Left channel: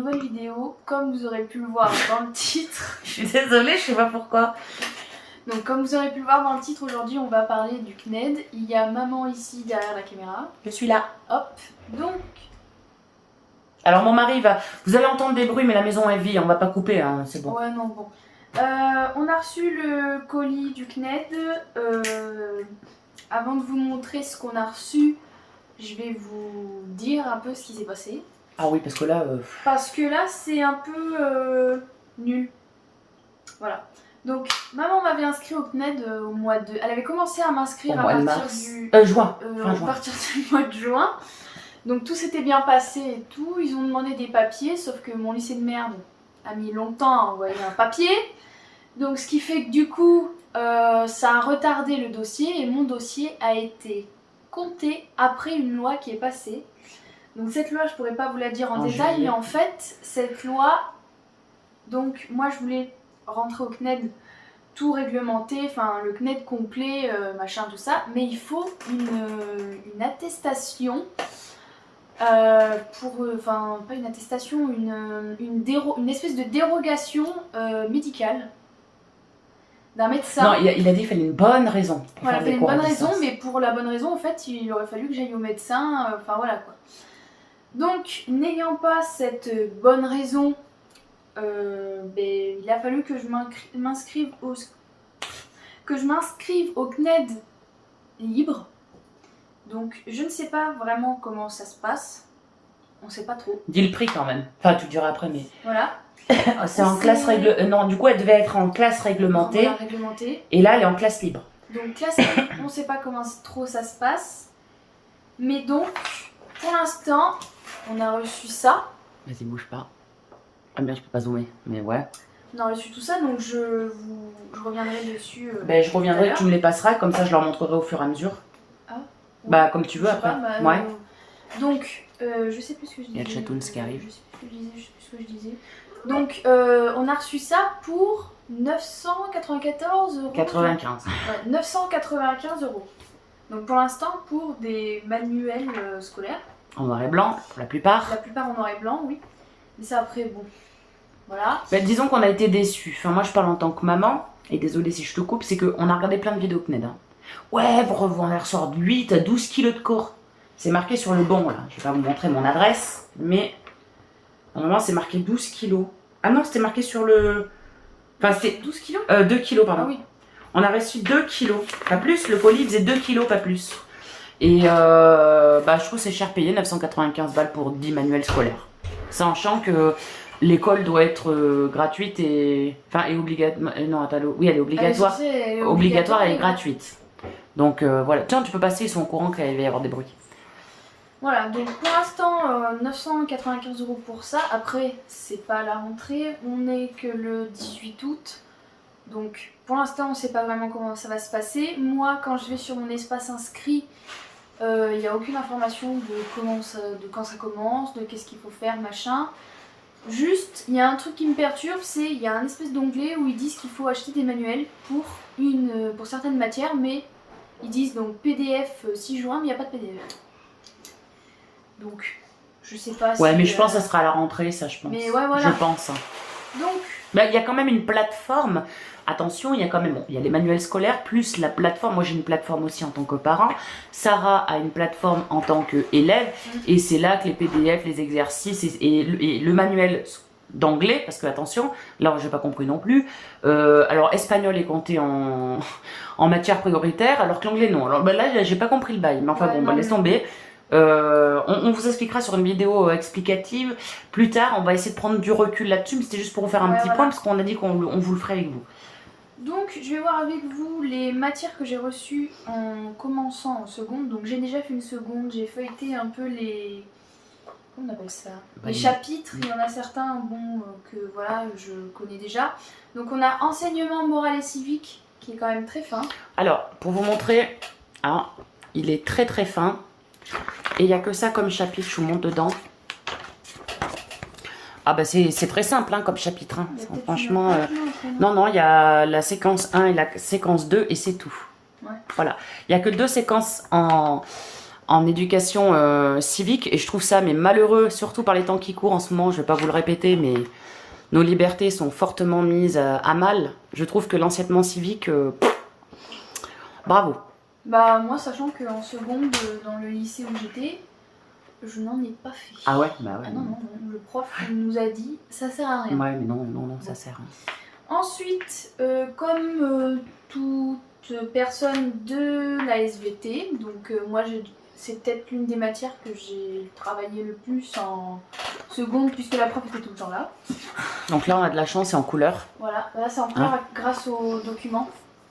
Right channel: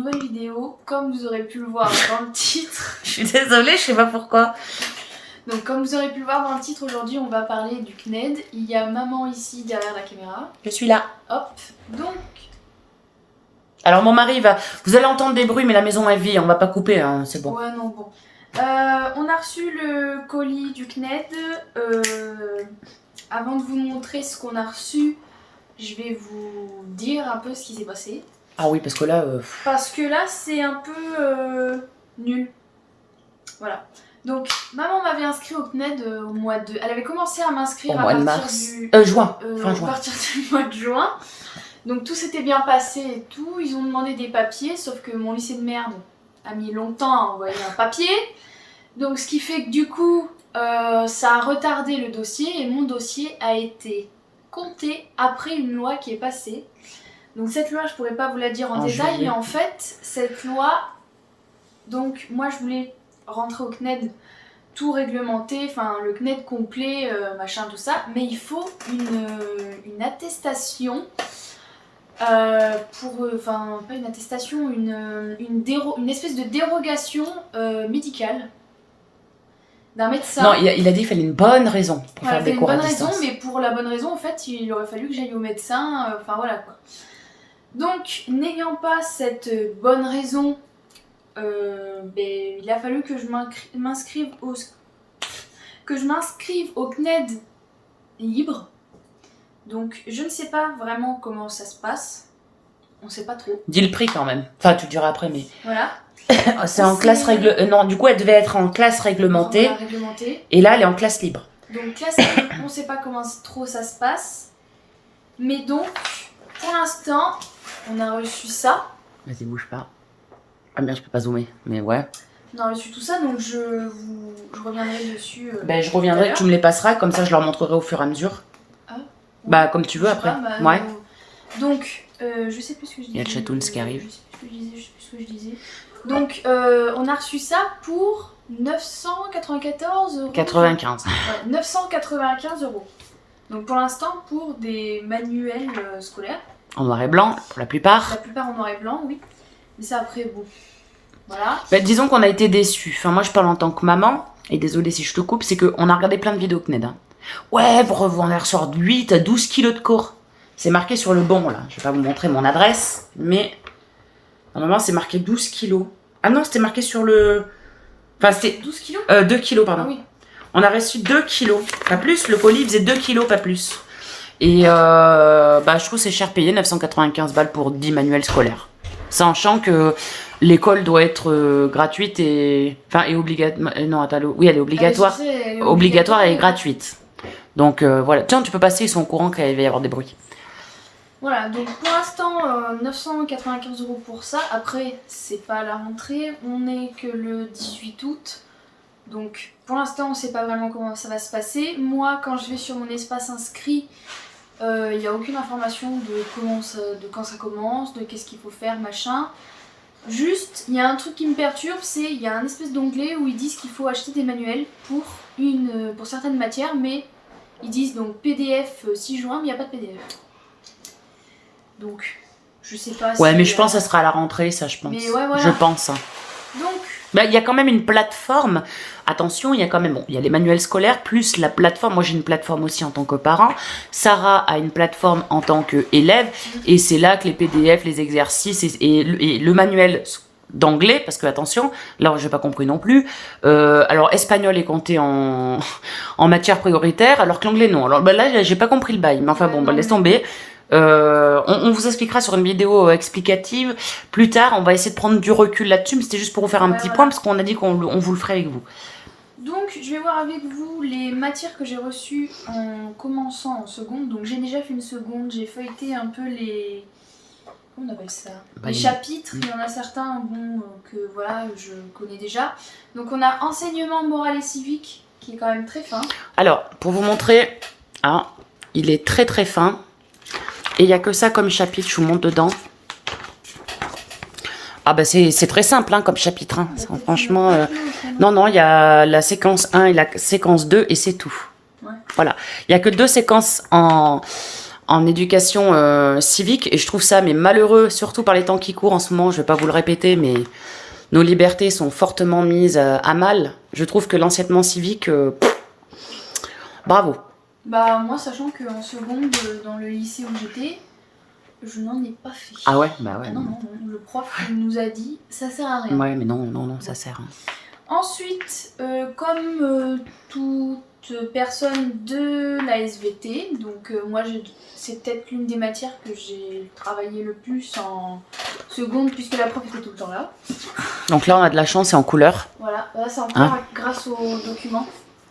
nouvelle vidéo, comme vous aurez pu le voir dans le titre. Je suis désolée, je sais pas pourquoi. Donc comme vous aurez pu le voir dans le titre, aujourd'hui on va parler du CNED. Il y a maman ici derrière la caméra. Je suis là. Hop, donc... Alors mon mari va... Vous allez entendre des bruits, mais la maison est vide, on va pas couper, hein, c'est bon. Ouais, non, bon. On a reçu le colis du CNED. Avant de vous montrer ce qu'on a reçu, je vais vous dire un peu ce qui s'est passé. Ah oui, parce que là... Parce que là, c'est un peu nul. Voilà. Donc, maman m'avait inscrit au CNED au mois de... Elle avait commencé à m'inscrire à partir du... juin. À partir du mois de juin. Donc, tout s'était bien passé et tout. Ils ont demandé des papiers, sauf que mon lycée de merde a mis longtemps à envoyer un papier. Donc, ce qui fait que du coup, ça a retardé le dossier et mon dossier a été compté après une loi qui est passée. Donc, cette loi, je pourrais pas vous la dire en détail, mais en fait, cette loi... Donc, moi, je voulais rentrer au CNED tout réglementé, enfin le CNED complet, machin, tout ça, mais il faut une attestation enfin pas une attestation, une espèce de dérogation médicale d'un médecin. Non, il a dit qu'il fallait une bonne raison pour voilà, faire des une cours bonne à raison, distance. mais pour la bonne raison, en fait, il aurait fallu que j'aille au médecin, enfin voilà quoi. Donc, n'ayant pas cette bonne raison, il a fallu que je m'inscrive au CNED libre. Donc je ne sais pas vraiment comment ça se passe. On sait pas trop. Dis le prix quand même. Enfin, tu le diras après, mais... Voilà. C'est en classe réglementée. Non, du coup, elle devait être en classe réglementée. Voilà, réglementée. Et là, elle est en classe libre. Donc classe libre, on ne sait pas comment trop ça se passe. Mais donc, pour l'instant, on a reçu ça. Vas-y, bouge pas. Ah bien, je peux pas zoomer, mais ouais. On a reçu tout ça, donc je reviendrai dessus. Je reviendrai, tu me les passeras, comme ça je leur montrerai au fur et à mesure. Ah, ouais. Bah, comme tu veux après. Ouais. Donc, je sais plus ce que je disais. Il y a le Chatoons qui arrive. Je sais plus ce que je disais. Donc, on a reçu ça pour 994 €. 95. Ouais, 995 €. Donc, pour l'instant, pour des manuels scolaires. En noir et blanc, pour la plupart. La plupart en noir et blanc, oui. Mais ça, après, bon. Voilà. Disons qu'on a été déçus. Enfin, moi, je parle en tant que maman. Et désolé si je te coupe, c'est qu'on a regardé plein de vidéos CNED. Hein. Ouais, on ressort 8 à 12 kilos de cours. C'est marqué sur le banc, là. Je vais pas vous montrer mon adresse, mais normalement, c'est marqué 12 kilos. Ah non, c'était marqué sur le... Enfin, c'était... 12 kilos 2 kilos, pardon. Ah oui. On a reçu 2 kilos, pas plus. Le colis faisait 2 kilos, pas plus. Et je trouve que c'est cher payé, 995 balles pour 10 manuels scolaires. Sachant que l'école doit être gratuite et... Enfin, et obligatoire... Non, attends, oui, elle est obligatoire. Elle est obligatoire et gratuite. Donc voilà. Tiens, tu peux passer, ils sont au courant qu'il va y avoir des bruits. Voilà, donc pour l'instant, 995 € pour ça. Après, c'est pas la rentrée, on est que le 18 août. Donc pour l'instant, on sait pas vraiment comment ça va se passer. Moi, quand je vais sur mon espace inscrit, il n'y a aucune information de quand ça commence, de qu'est-ce qu'il faut faire, machin. Juste, il y a un truc qui me perturbe, c'est il y a un espèce d'onglet où ils disent qu'il faut acheter des manuels pour certaines matières, mais ils disent donc PDF 6 juin, mais il n'y a pas de PDF. Donc, je sais pas si... Ouais, mais je pense que ça sera à la rentrée, ça, je pense. Mais ouais, voilà. Je pense. Donc... Il y a quand même une plateforme. Attention, il y a quand même... Bon, il y a les manuels scolaires, plus la plateforme. Moi, j'ai une plateforme aussi en tant que parent. Sarah a une plateforme en tant qu'élève. Et c'est là que les PDF, les exercices et le manuel d'anglais, parce que, attention, là, j'ai pas compris non plus. Alors, espagnol est compté en matière prioritaire, alors que l'anglais, non. Alors, là, j'ai pas compris le bail. Mais enfin, ouais, laisse tomber. On vous expliquera sur une vidéo explicative plus tard. On va essayer de prendre du recul là-dessus, mais c'était juste pour vous faire un petit point parce qu'on a dit qu'on vous le ferait avec vous. Donc je vais voir avec vous les matières que j'ai reçues en commençant en seconde. Donc j'ai déjà fait une seconde, j'ai feuilleté un peu les... Comment on appelle ça? Les chapitres, il y en a certains que voilà, je connais déjà. Donc on a enseignement moral et civique qui est quand même très fin. Alors, pour vous montrer, il est très très fin. Et il n'y a que ça comme chapitre, je vous montre dedans. C'est très simple comme chapitre. Hein. Franchement, non, il y a la séquence 1 et la séquence 2 et c'est tout. Ouais. Voilà. Il n'y a que 2 séquences en en éducation civique et je trouve ça mais malheureux, surtout par les temps qui courent en ce moment. Je vais pas vous le répéter, mais nos libertés sont fortement mises à mal. Je trouve que l'enseignement civique, bravo. Bah moi, sachant qu'en seconde, dans le lycée où j'étais, je n'en ai pas fait. Ah ouais, bah ouais. Ah non, non, non, le prof nous a dit, ça sert à rien. Ouais, mais non, non, non, ça sert. Ensuite, comme toute personne de la SVT, donc moi c'est peut-être l'une des matières que j'ai travaillé le plus en seconde puisque la prof était tout le temps là. Donc là on a de la chance, c'est en couleur. Voilà, là c'est en couleur grâce aux documents,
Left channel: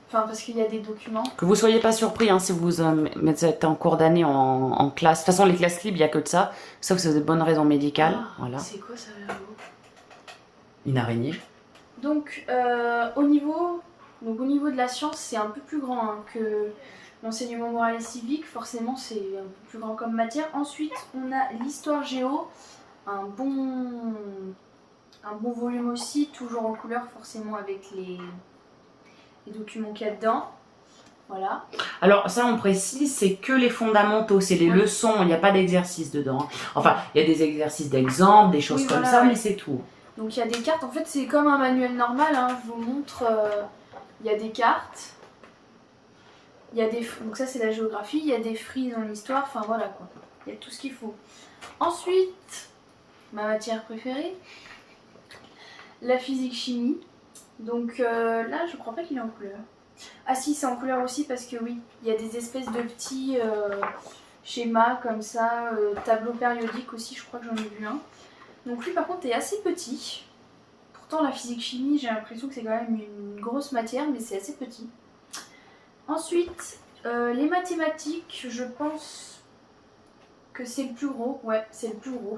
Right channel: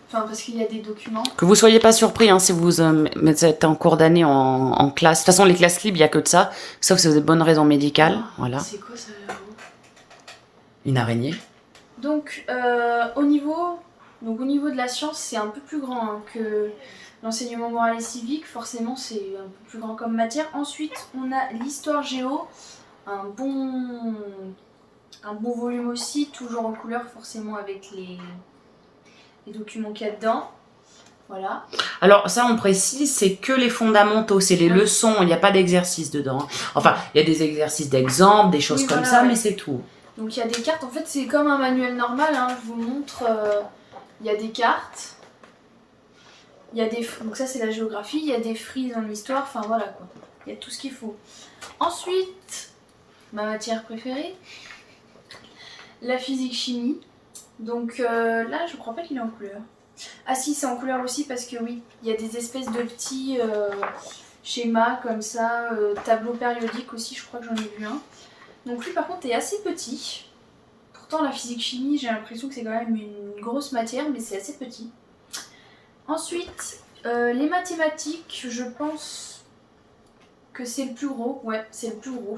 enfin parce qu'il y a des documents. Que vous soyez pas surpris si vous êtes en cours d'année en classe. De toute façon les classes libres il n'y a que de ça, sauf si vous avez de bonnes raisons médicales. Voilà. C'est quoi ça là-haut ? Une araignée. Donc, au niveau de la science, c'est un peu plus grand que l'enseignement moral et civique. Forcément, c'est un peu plus grand comme matière. Ensuite, on a l'histoire géo, un bon volume aussi, toujours en couleur, forcément avec les documents qu'il y a dedans. Voilà. Alors ça on précise, c'est que les fondamentaux, c'est les leçons, il n'y a pas d'exercice dedans. Enfin, il y a des exercices d'exemple, des choses comme ça, mais c'est tout. Donc il y a des cartes, en fait c'est comme un manuel normal, hein. Je vous montre, il y a des cartes, il y a donc ça c'est la géographie, il y a des frises dans l'histoire, enfin voilà quoi, il y a tout ce qu'il faut. Ensuite, ma matière préférée, la physique-chimie, donc là je crois pas qu'il est en couleur. Ah si, c'est en couleur aussi parce que oui, il y a des espèces de petits schémas comme ça, tableau périodique aussi, je crois que j'en ai vu un. Donc lui par contre est assez petit. Pourtant la physique-chimie j'ai l'impression que c'est quand même une grosse matière mais c'est assez petit. Ensuite les mathématiques je pense que c'est le plus gros. Ouais c'est le plus gros.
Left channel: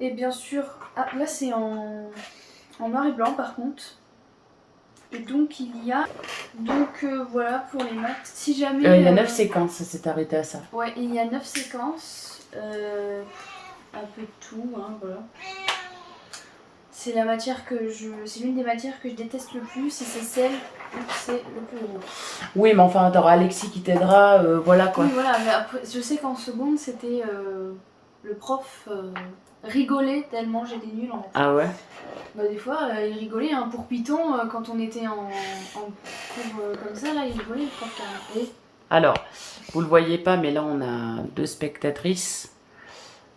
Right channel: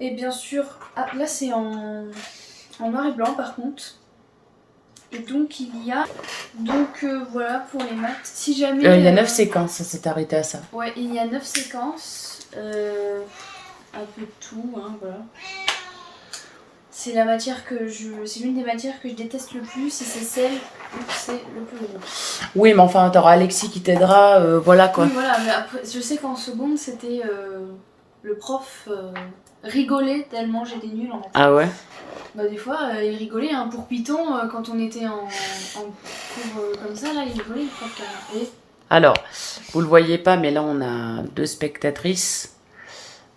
Et bien sûr, là c'est en noir et blanc par contre. Et donc il y a, voilà pour les maths. Si jamais... il y a 9 séquences, ça s'est arrêté à ça. Ouais, il y a 9 séquences. Un peu de tout, hein, voilà. C'est la matière c'est l'une des matières que je déteste le plus et c'est celle où c'est le plus gros. Oui, mais enfin, t'auras Alexis qui t'aidera, voilà quoi. Oui, voilà, mais après, je sais qu'en seconde, c'était le prof rigolait tellement j'étais nulle en maths. Ah ouais? Bah des fois, il rigolait, hein, pour Python, quand on était en cours comme ça, là, il rigolait le prof carrément. Et... Alors, vous le voyez pas, mais là on a 2 spectatrices.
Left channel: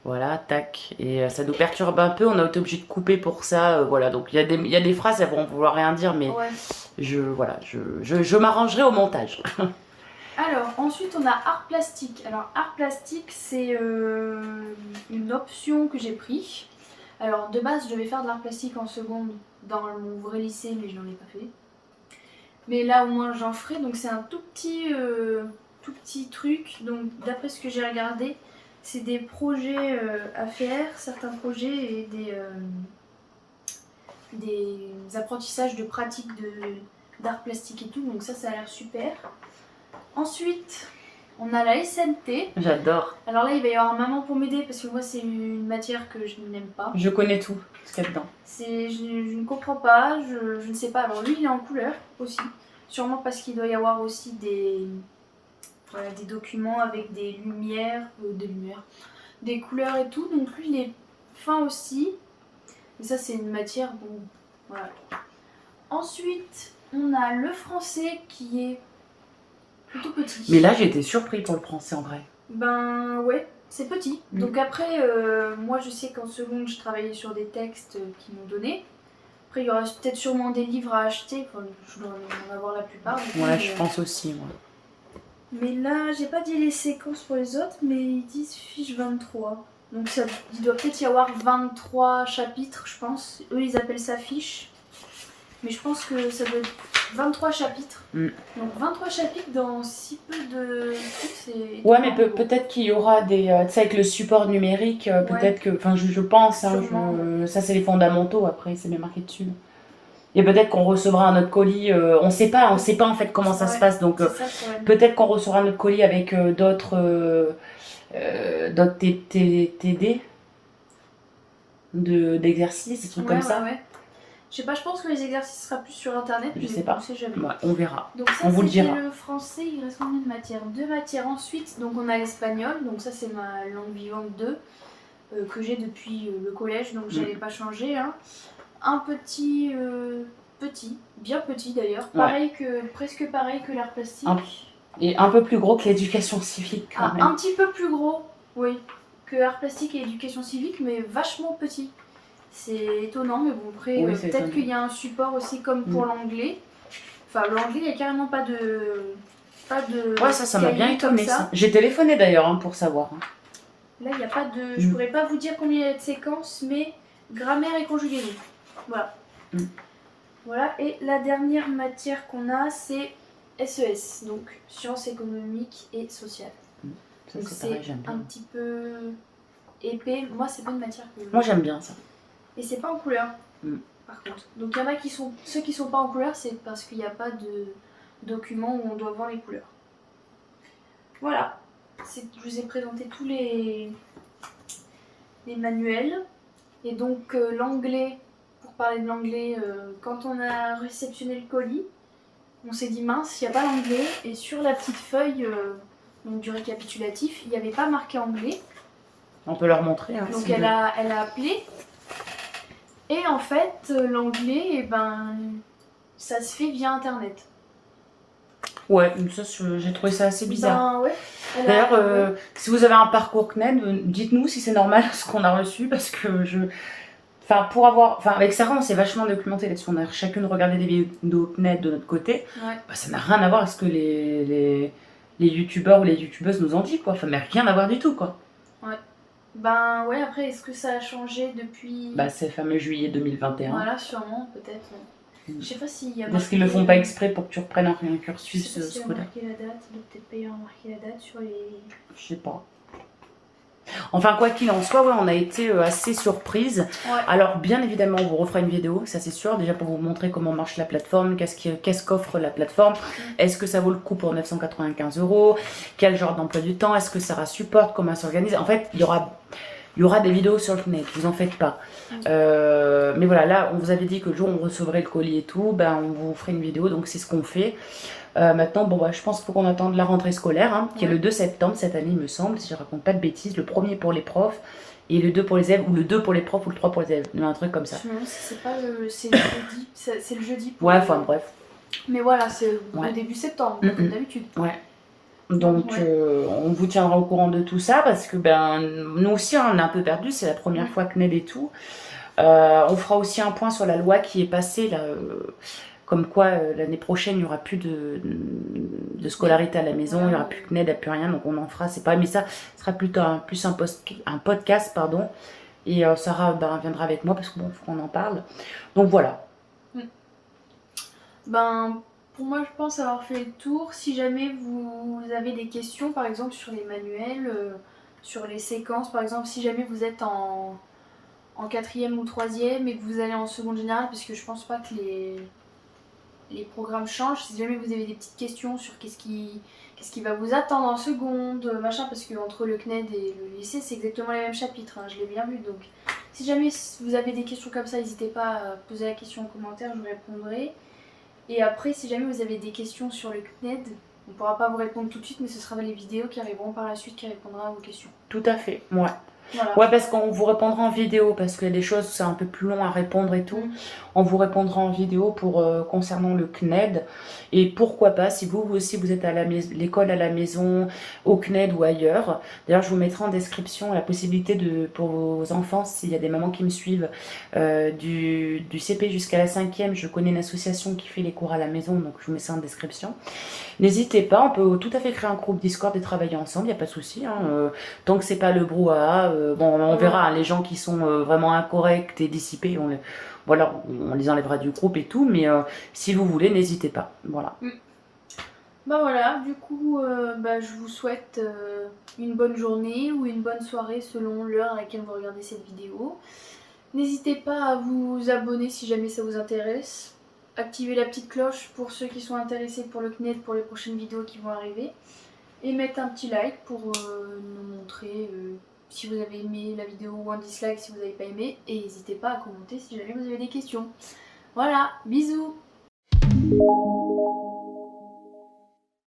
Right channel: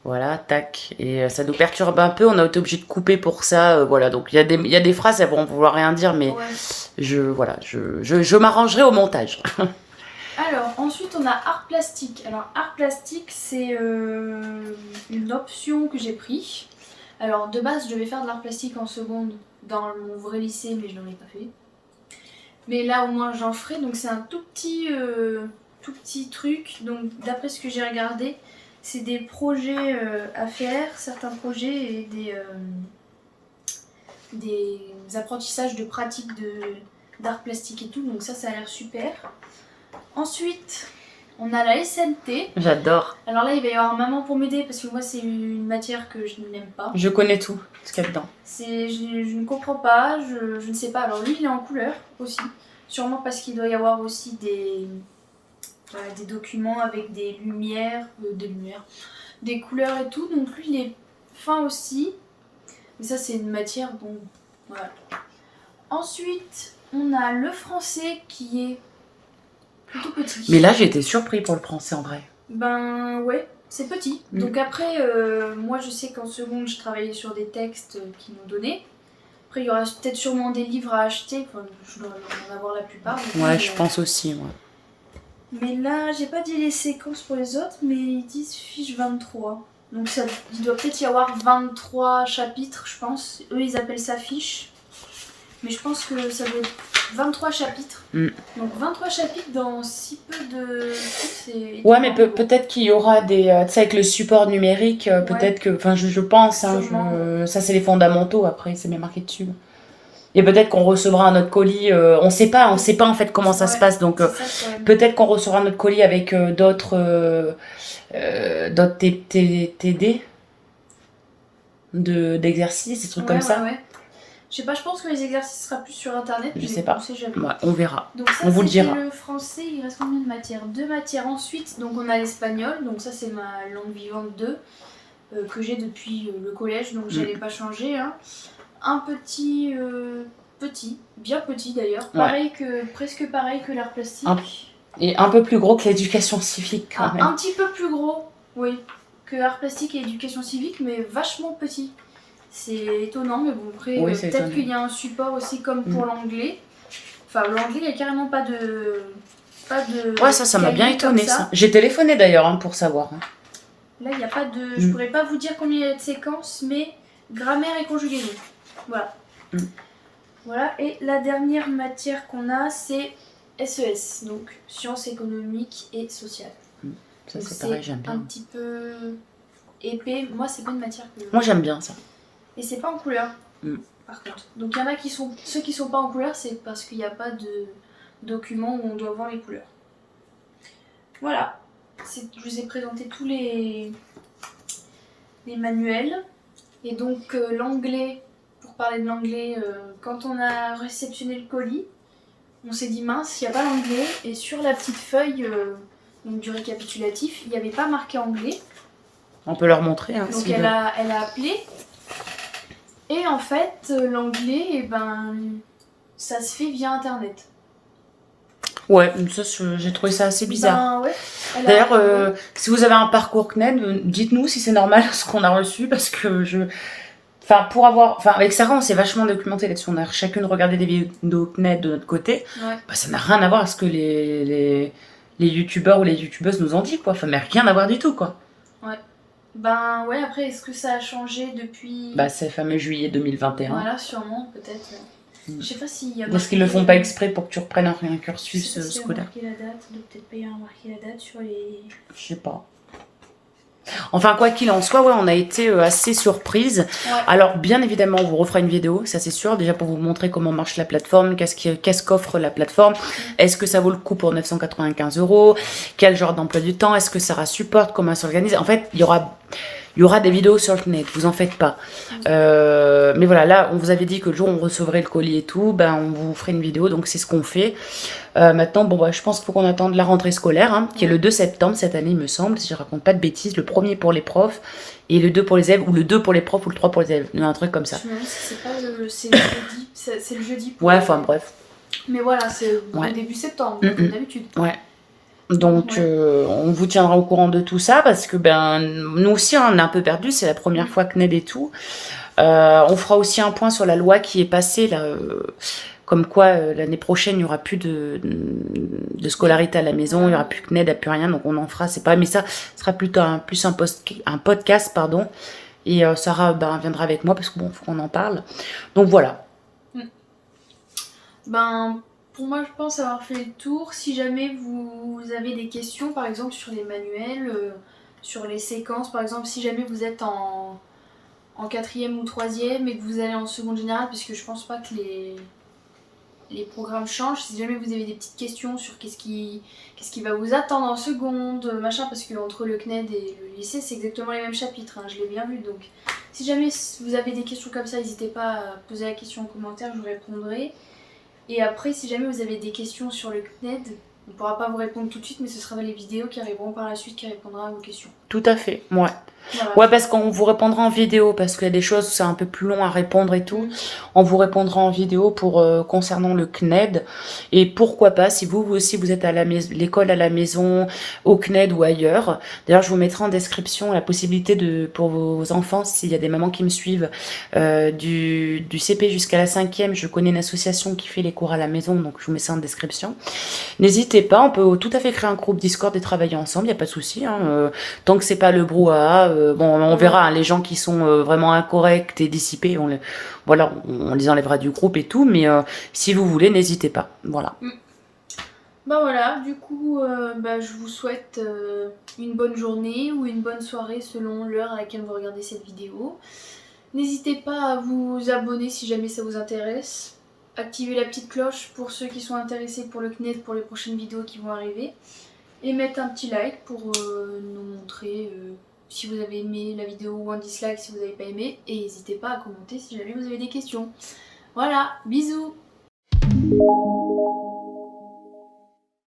Voilà, tac. Et ça nous perturbe un peu, on a été obligé de couper pour ça. Voilà, donc il y a des phrases, elles vont vouloir rien dire, mais je m'arrangerai au montage. Alors, ensuite on a art plastique. Alors, art plastique, c'est une option que j'ai pris. Alors, de base, je devais faire de l'art plastique en seconde dans mon vrai lycée, mais je n'en ai pas fait. Mais là, au moins, j'en ferai. Donc, c'est un tout petit truc. Donc, d'après ce que j'ai regardé, c'est des projets à faire, certains projets et des apprentissages de pratique d'art plastique et tout. Donc, ça a l'air super. Ensuite, on a la SNT. J'adore. Alors là, il va y avoir maman pour m'aider parce que moi, c'est une matière que je n'aime pas. Je connais tout ce qu'il y a dedans. Je ne comprends pas, je ne sais pas. Alors lui, il est en couleur aussi. Sûrement parce qu'il doit y avoir aussi des documents avec des lumières, des couleurs et tout. Donc lui, il est fin aussi. Mais ça, c'est une matière, bon, voilà. Ensuite, on a le français qui est plutôt petit. Mais là, j'ai été surpris pour le français en vrai. Ben ouais, c'est petit. Donc après, moi je sais qu'en seconde, je travaillais sur des textes qu'ils m'ont donnés. Après, il y aura peut-être sûrement des livres à acheter. Enfin, je dois en avoir la plupart. Ouais, je pense aussi. Ouais. Mais là, j'ai pas dit les séquences pour les autres, mais ils disent fiche 23. Donc il doit peut-être y avoir 23 chapitres, je pense. Eux, ils appellent ça fiche. Mais je pense que ça doit être 23 chapitres. Donc 23 chapitres dans si peu de trucs, c'est... Ouais, mais peut-être qu'il y aura des... tu sais, avec le support numérique, peut-être que... Enfin, je pense, hein, ça c'est les fondamentaux, après, c'est bien marqué dessus. Et peut-être qu'on recevra un autre colis, on sait pas en fait comment ça se passe, donc peut-être qu'on recevra notre colis avec d'autres TD d'exercices, des trucs comme ça. Ouais. Je sais pas, je pense que les exercices sera plus sur internet, Je mais sais pas. on sait jamais. Ouais, on verra. Donc ça On vous le c'était dira. le français, il reste combien de matières? 2 matières ensuite, donc on a l'espagnol, donc ça c'est ma langue vivante 2, que j'ai depuis le collège, donc j'allais pas changer. Hein. Un petit, bien petit d'ailleurs, pareil que, presque pareil que l'art plastique. Et un peu plus gros que l'éducation civique quand même. Un petit peu plus gros, oui, que art plastique et éducation civique, mais vachement petit. C'est étonnant, mais bon, après, Oui, c'est peut-être étonnant. qu'il y a un support aussi comme pour l'anglais. Enfin, l'anglais, il n'y a carrément pas de. Ouais, ça m'a bien cahier comme étonné ça. J'ai téléphoné d'ailleurs hein, pour savoir. Hein. Là, il n'y a pas de. Je pourrais pas vous dire combien il y a de séquences, mais grammaire et conjugaison. Voilà. Voilà, et la dernière matière qu'on a, c'est SES, donc sciences économiques et sociales. Ça, Donc c'est pareil, j'aime bien. un petit peu épais. Moi, c'est pas une matière que. Moi, j'aime bien ça. Et c'est pas en couleur, par contre. Donc il y en a qui sont. Ceux qui sont pas en couleur, c'est parce qu'il n'y a pas de document où on doit voir les couleurs. Voilà. Je vous ai présenté tous les manuels. Et donc l'anglais, pour parler de l'anglais, quand on a réceptionné le colis, on s'est dit mince, il n'y a pas l'anglais. Et sur la petite feuille donc, du récapitulatif, il n'y avait pas marqué anglais. On peut leur montrer. Hein, donc si elle a appelé. Et en fait, l'anglais, eh ben, ça se fait via internet. Ouais, ça, j'ai trouvé ça assez bizarre. Ben ouais. D'ailleurs, si vous avez un parcours CNED, dites-nous si c'est normal ce qu'on a reçu parce que Enfin, avec Sarah, on s'est vachement documenté là-dessus. On a chacune regardé des vidéos CNED de notre côté. Ouais. Bah, ça n'a rien à voir avec ce que les youtubeurs ou les youtubeuses nous ont dit, quoi. Enfin, mais rien à voir du tout, quoi. Ouais. Ben ouais, après, est-ce que ça a changé depuis. Bah, c'est le fameux juillet 2021. Voilà, sûrement, peut-être. Je sais pas s'il y a. Parce qu'ils le font pas exprès pour que tu reprennes un cursus scolaire. scolaire. Marquer la date, il doit peut-être pas y avoir marqué la date sur les. Je sais pas. Enfin, quoi qu'il en soit, ouais, on a été assez surprise. Ouais. Alors, bien évidemment, on vous refera une vidéo, ça c'est sûr, déjà pour vous montrer comment marche la plateforme, qu'est-ce qu'offre la plateforme, est-ce que ça vaut le coup pour 995 €, quel genre d'emploi du temps, est-ce que Sarah supporte, comment elle s'organise. En fait, il y aura des vidéos sur le net, vous en faites pas. Mais voilà, là, on vous avait dit que le jour où on recevrait le colis et tout, ben, on vous ferait une vidéo, donc c'est ce qu'on fait. Maintenant, bon, je pense qu'il faut qu'on attende la rentrée scolaire, hein, qui est le 2 septembre cette année, il me semble, si je raconte pas de bêtises. Le premier pour les profs et le 2 pour les élèves, ou le 2 pour les profs ou le 3 pour les élèves, un truc comme ça. Je me demande si c'est pas c'est le jeudi. C'est le jeudi. Ouais, enfin bref. Mais voilà, c'est au début septembre, comme d'habitude. Ouais. Donc, on vous tiendra au courant de tout ça parce que nous aussi, on est un peu perdus. C'est la première fois que CNED et tout. On fera aussi un point sur la loi qui est passée là. Comme quoi, l'année prochaine, il n'y aura plus de scolarité à la maison, il n'y aura plus que CNED, il n'y a plus rien, donc on en fera, c'est pas... Mais ça sera plutôt un podcast, pardon, et Sarah viendra avec moi, parce que bon, faut qu'on en parle. Donc voilà. Pour moi, je pense avoir fait le tour. Si jamais vous avez des questions, par exemple, sur les manuels, sur les séquences, par exemple, si jamais vous êtes en 4e ou 3e et que vous allez en seconde générale, puisque je pense pas que les programmes changent. Si jamais vous avez des petites questions sur qu'est-ce qui va vous attendre en seconde, machin, parce que entre le CNED et le lycée, c'est exactement les mêmes chapitres, hein, je l'ai bien vu. Donc, si jamais vous avez des questions comme ça, n'hésitez pas à poser la question en commentaire, je vous répondrai. Et après, si jamais vous avez des questions sur le CNED, on ne pourra pas vous répondre tout de suite, mais ce sera les vidéos qui arriveront par la suite qui répondront à vos questions. Tout à fait, ouais. Voilà. Ouais, parce qu'on vous répondra en vidéo, parce qu'il y a des choses, c'est un peu plus long à répondre et tout. On vous répondra en vidéo pour concernant le CNED. Et pourquoi pas, si vous aussi vous êtes à l'école à la maison, au CNED ou ailleurs. D'ailleurs, je vous mettrai en description la possibilité pour vos enfants, s'il y a des mamans qui me suivent, du CP jusqu'à la 5e. Je connais une association qui fait les cours à la maison, donc je vous mets ça en description. N'hésitez pas, on peut tout à fait créer un groupe Discord et travailler ensemble, il n'y a pas de souci. Hein, tant que c'est pas le brouhaha, on verra, hein, les gens qui sont vraiment incorrects et dissipés, on les enlèvera du groupe et tout, mais si vous voulez, n'hésitez pas. Voilà. Voilà, du coup, je vous souhaite une bonne journée ou une bonne soirée selon l'heure à laquelle vous regardez cette vidéo. N'hésitez pas à vous abonner si jamais ça vous intéresse. Activez la petite cloche pour ceux qui sont intéressés pour le CNED pour les prochaines vidéos qui vont arriver. Et mettre un petit like pour nous montrer si vous avez aimé la vidéo ou un dislike si vous n'avez pas aimé. Et n'hésitez pas à commenter si jamais vous avez des questions. Voilà, bisous.